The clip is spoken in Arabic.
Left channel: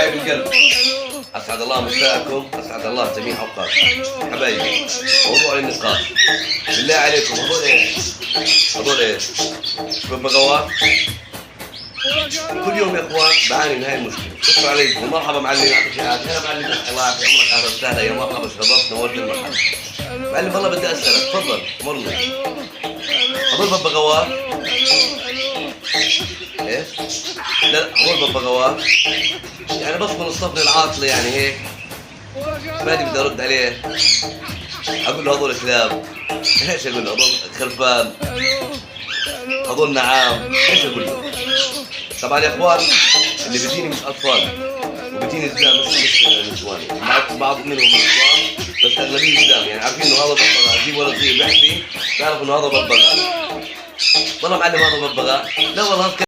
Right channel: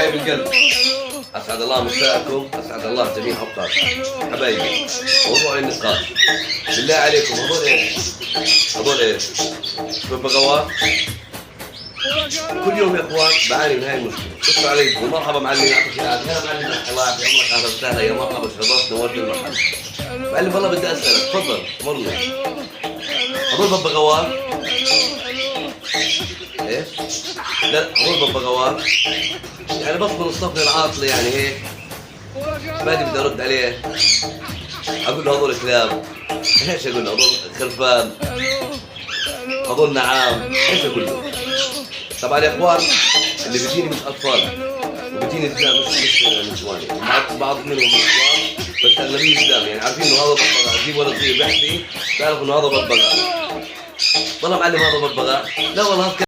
حبايب القلب، اسعد الله مساءكم، اسعد الله جميع اوقاتكم. حبايبي، موضوع النقاش بالله عليكم، هذول ايش؟ هذول ايش؟ ببغاوات. كل يوم يا اخوان بعاني من هاي المشكله. شكرا عليكم، مرحبا معلم، يعطيك العافيه. هلا معلم، الله يعطي عمرك، اهلا وسهلا، يا مرحبا، شرفت نورت المحل. معلم والله بدي اسالك، تفضل مرنا. هذول ببغاوات؟ ايش؟ لا هذول ببغاوات يعني بس من الصف العاطله يعني هيك، ماني بدي ارد عليه، اقول له هذول كلاب. ايش اقول له؟ هذول خرفان، هذول نعام، ايش اقول له؟ طبعا يا اخوان اللي بيجيني مش اطفال، وبيجيني رجال مش نسوان، بعض منهم نسوان بس اغلبيه رجال، يعني عارفين انه هذا ببغاء، اجيب ولد صغير بيحكي تعرف انه هذا ببغاء. والله معلم هذا ببغاء، لا والله